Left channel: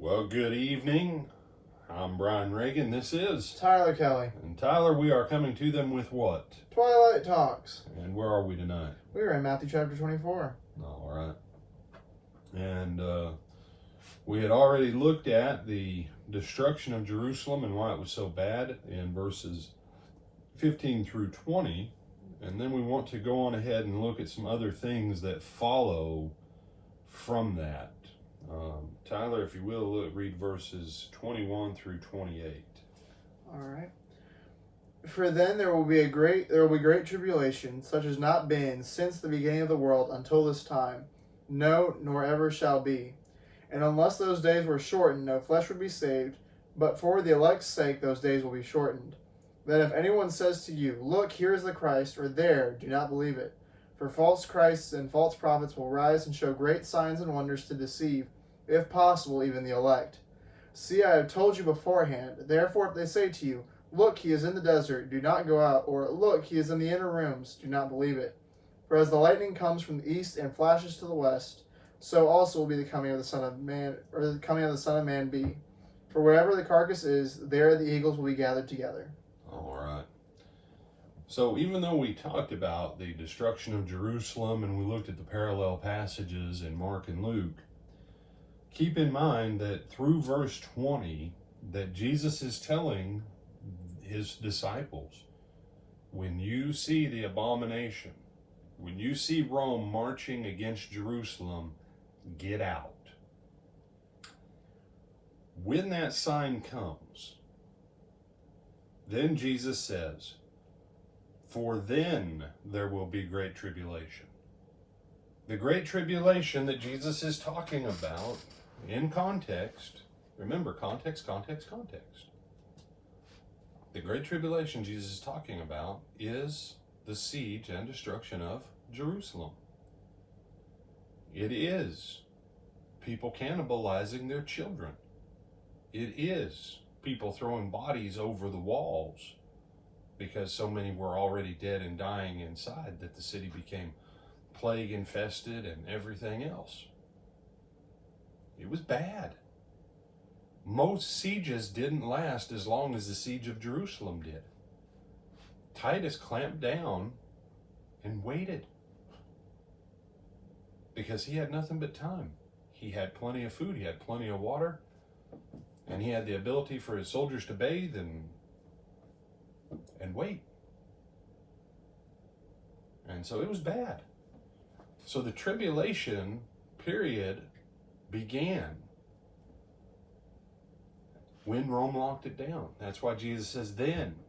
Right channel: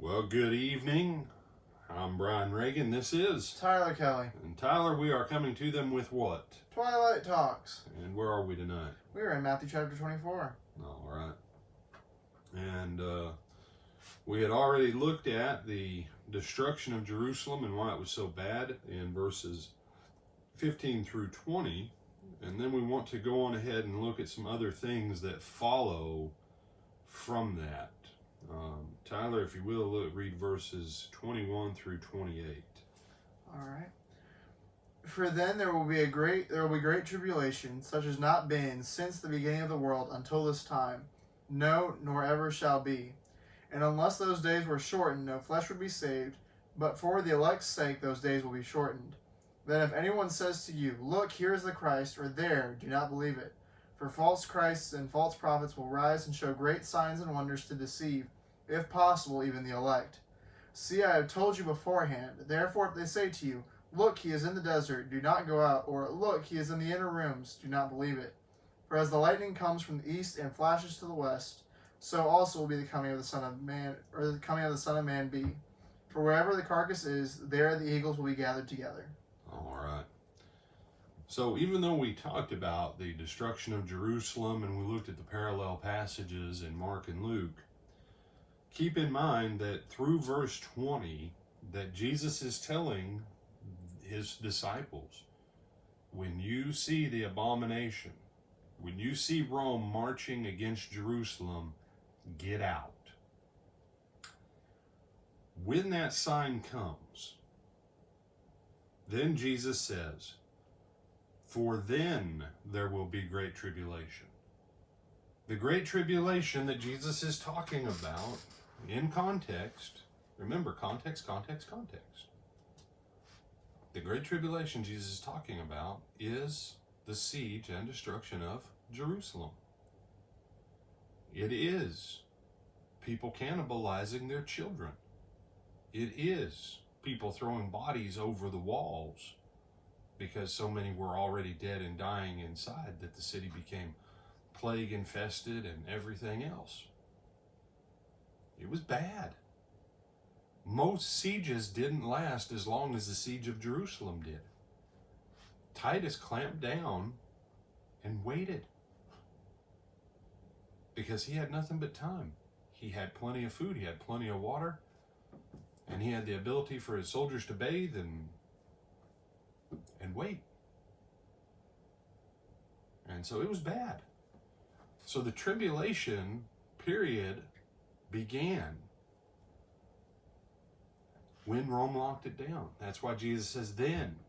Well, good evening. I'm Brian Reagan. This is Tyler Kelly. And Tyler, we are coming to them with what? Twilight Talks. And where are we tonight? We are in Matthew chapter 24. All right. And we had already looked at the destruction of Jerusalem and why it was so bad in verses 15 through 20. And then we want to go on ahead and look at some other things that follow from that. Tyler, if you will, read verses 21 through 28. All right. For then there will be great tribulation, such as not been since the beginning of the world until this time, no, nor ever shall be. And unless those days were shortened, no flesh would be saved. But for the elect's sake, those days will be shortened. Then if anyone says to you, "Look, here is the Christ," or "There," do not believe it. For false Christs and false prophets will rise and show great signs and wonders to deceive, if possible, even the elect. See, I have told you beforehand. Therefore, if they say to you, "Look, he is in the desert," do not go out, or "Look, he is in the inner rooms," do not believe it. For as the lightning comes from the east and flashes to the west, so also will be the coming of the Son of Man, or the coming of the Son of Man be. For wherever the carcass is, there the eagles will be gathered together. All right. So even though we talked about the destruction of Jerusalem and we looked at the parallel passages in Mark and Luke, keep in mind that through verse 20 that Jesus is telling his disciples, when you see the abomination, when you see Rome marching against Jerusalem, get out. When that sign comes, then Jesus says, for then there will be great tribulation. The great tribulation that Jesus is talking about in context, remember, context. The great tribulation Jesus is talking about is the siege and destruction of Jerusalem. It is people cannibalizing their children. It is people throwing bodies over the walls because so many were already dead and dying inside that the city became plague infested and everything else. It was bad. Most sieges didn't last as long as the siege of Jerusalem did. Titus clamped down and waited because he had nothing but time. He had plenty of food, he had plenty of water, and he had the ability for his soldiers to bathe and wait. And so it was bad. So the tribulation period began when Rome locked it down. That's why Jesus says then.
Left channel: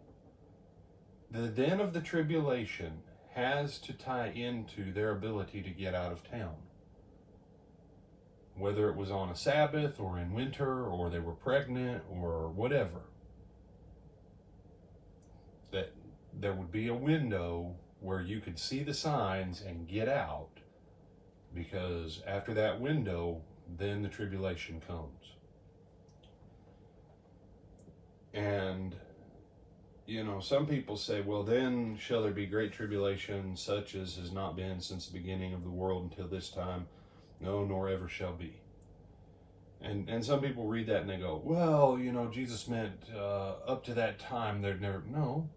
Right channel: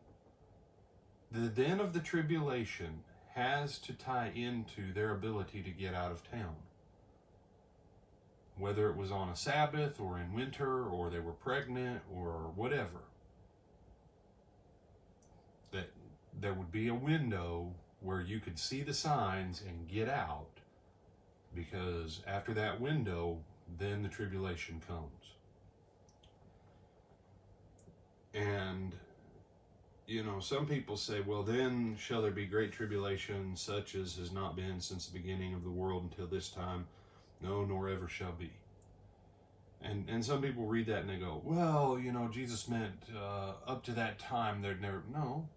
The then of the tribulation has to tie into their ability to get out of town. Whether it was on a Sabbath or in winter or they were pregnant or whatever. That there would be a window where you could see the signs and get out, because after that window, then the tribulation comes. And, you know, some people say, well, then shall there be great tribulation, such as has not been since the beginning of the world until this time, no, nor ever shall be. And some people read that and they go, well, you know, Jesus meant up to that time there'd never, no.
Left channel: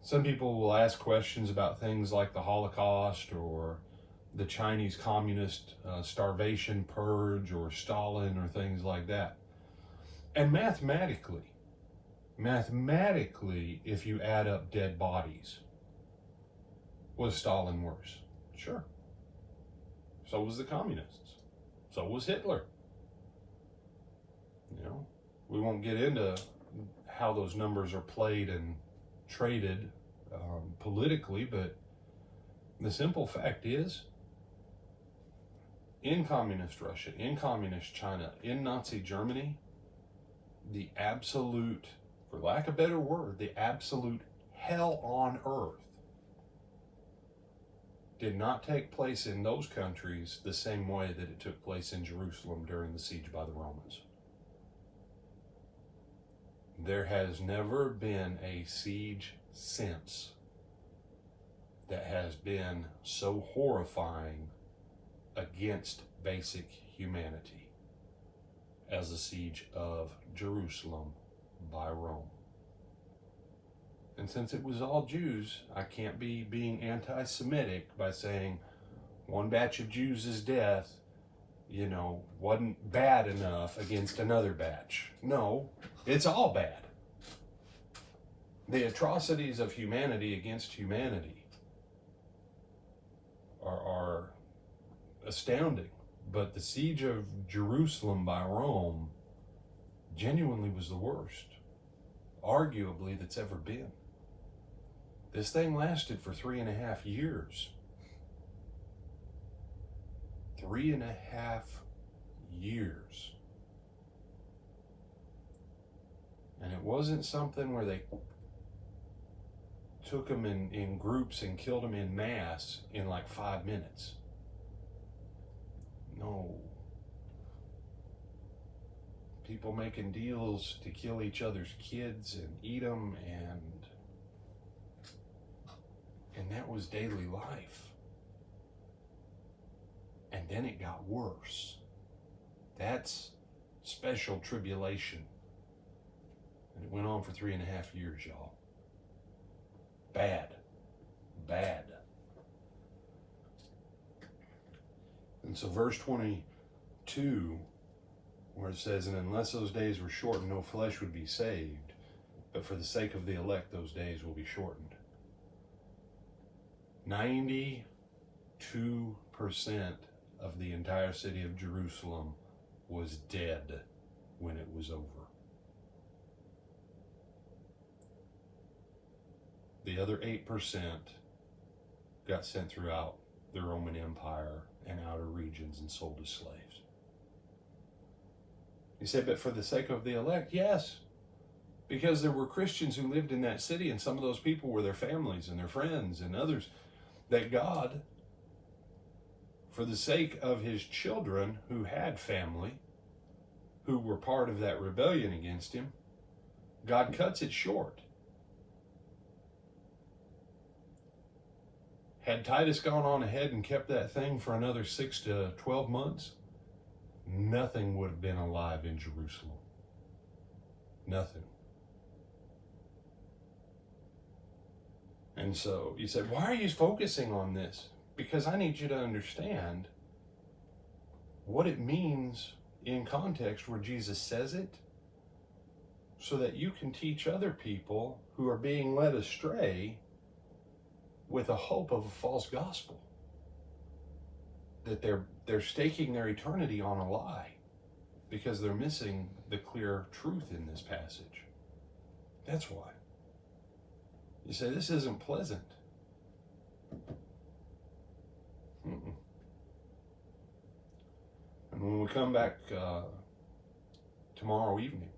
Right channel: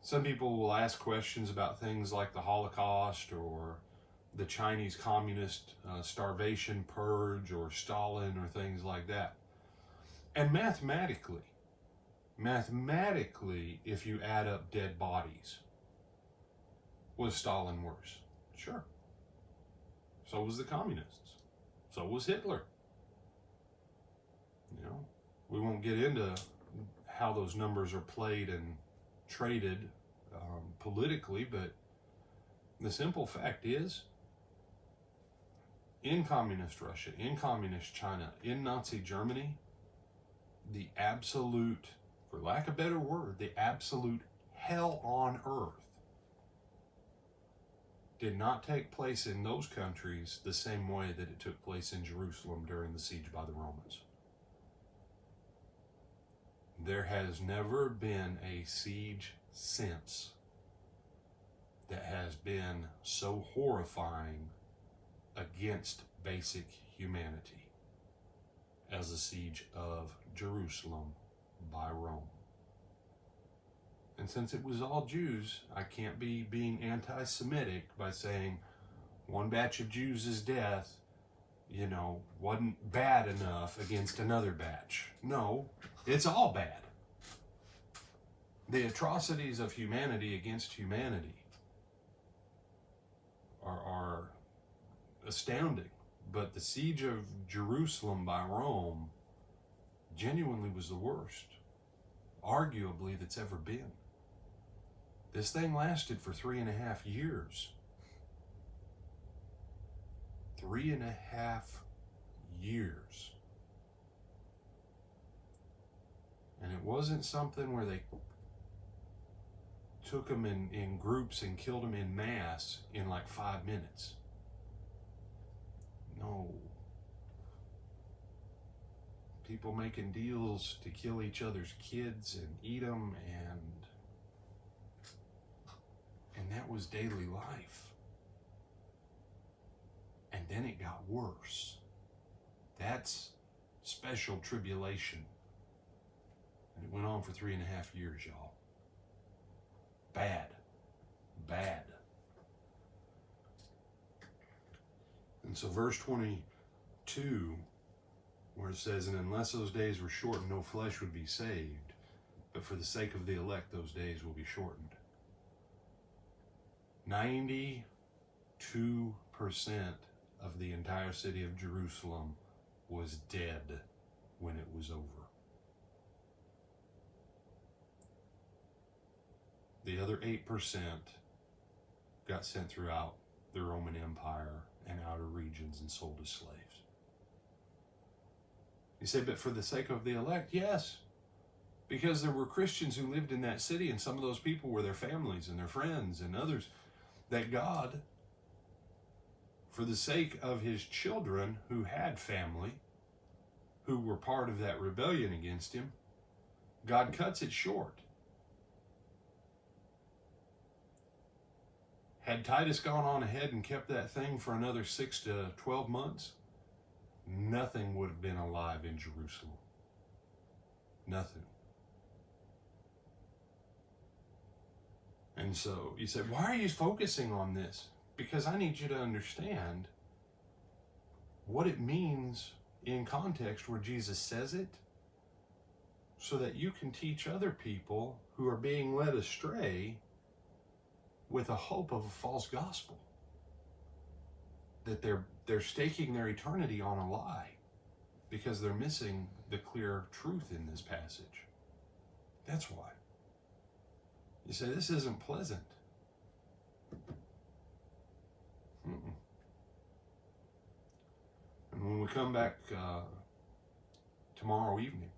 Some people will ask questions about things like the Holocaust or the Chinese communist starvation purge or Stalin or things like that. And mathematically, if you add up dead bodies, was Stalin worse? Sure. So was the communists. So was Hitler. You know, we won't get into how those numbers are played and traded politically, but the simple fact is, in communist Russia, in communist China, in Nazi Germany, the absolute, for lack of a better word, the absolute hell on earth did not take place in those countries the same way that it took place in Jerusalem during the siege by the Romans. There has never been a siege since that has been so horrifying against basic humanity. as the siege of Jerusalem by Rome. And since it was all Jews, I can't be being anti-Semitic by saying one batch of Jews' death, wasn't bad enough against another batch. No, it's all bad. The atrocities of humanity against humanity are astounding. But the siege of Jerusalem by Rome genuinely was the worst, arguably, that's ever been. This thing lasted for 3.5 years. 3.5 years. And it wasn't something where they took them in groups and killed them in mass in like 5 minutes. No. People making deals to kill each other's kids and eat them, and that was daily life. And then it got worse. That's special tribulation. And it went on for 3.5 years, y'all. Bad. Bad. And so verse 22, where it says, and unless those days were shortened, no flesh would be saved. But for the sake of the elect, those days will be shortened. 92% of the entire city of Jerusalem was dead when it was over. The other 8% got sent throughout the Roman Empire and outer regions and sold as slaves. You say, but for the sake of the elect? Yes, because there were Christians who lived in that city, and some of those people were their families and their friends and others, that God, for the sake of his children who had family, who were part of that rebellion against him, God cuts it short. Had Titus gone on ahead and kept that thing for another 6 to 12 months, nothing would have been alive in Jerusalem. Nothing. And so you said, why are you focusing on this? Because I need you to understand what it means in context where Jesus says it, so that you can teach other people who are being led astray with a hope of a false gospel, that they're staking their eternity on a lie because they're missing the clear truth in this passage. That's why. You say, this isn't pleasant. Mm-mm. And when we come back tomorrow evening,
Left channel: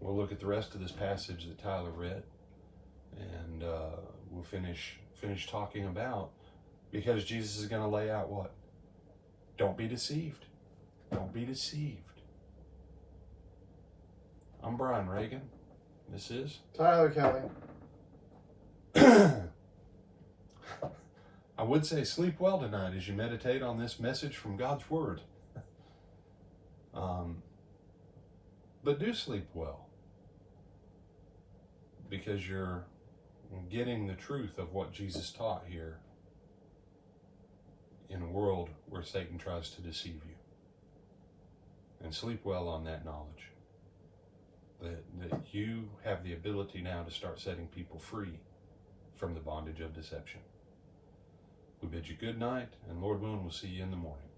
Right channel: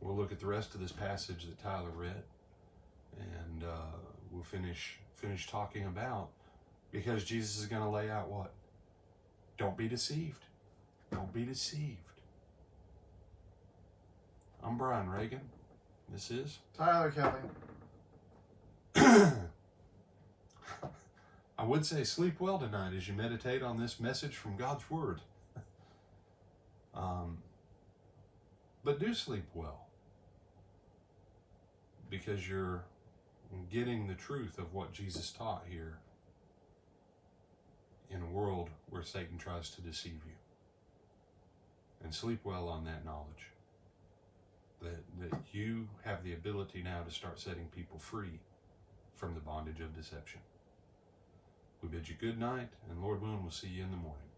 we'll look at the rest of this passage that Tyler read, and we'll finish talking about, because Jesus is going to lay out what? Don't be deceived. Don't be deceived. I'm Brian Reagan. This is Tyler Kelly. I would say sleep well tonight as you meditate on this message from God's Word. But do sleep well, because you're getting the truth of what Jesus taught here in a world where Satan tries to deceive you. And sleep well on that knowledge, that you have the ability now to start setting people free from the bondage of deception. We bid you good night, and Lord willing, we'll see you in the morning.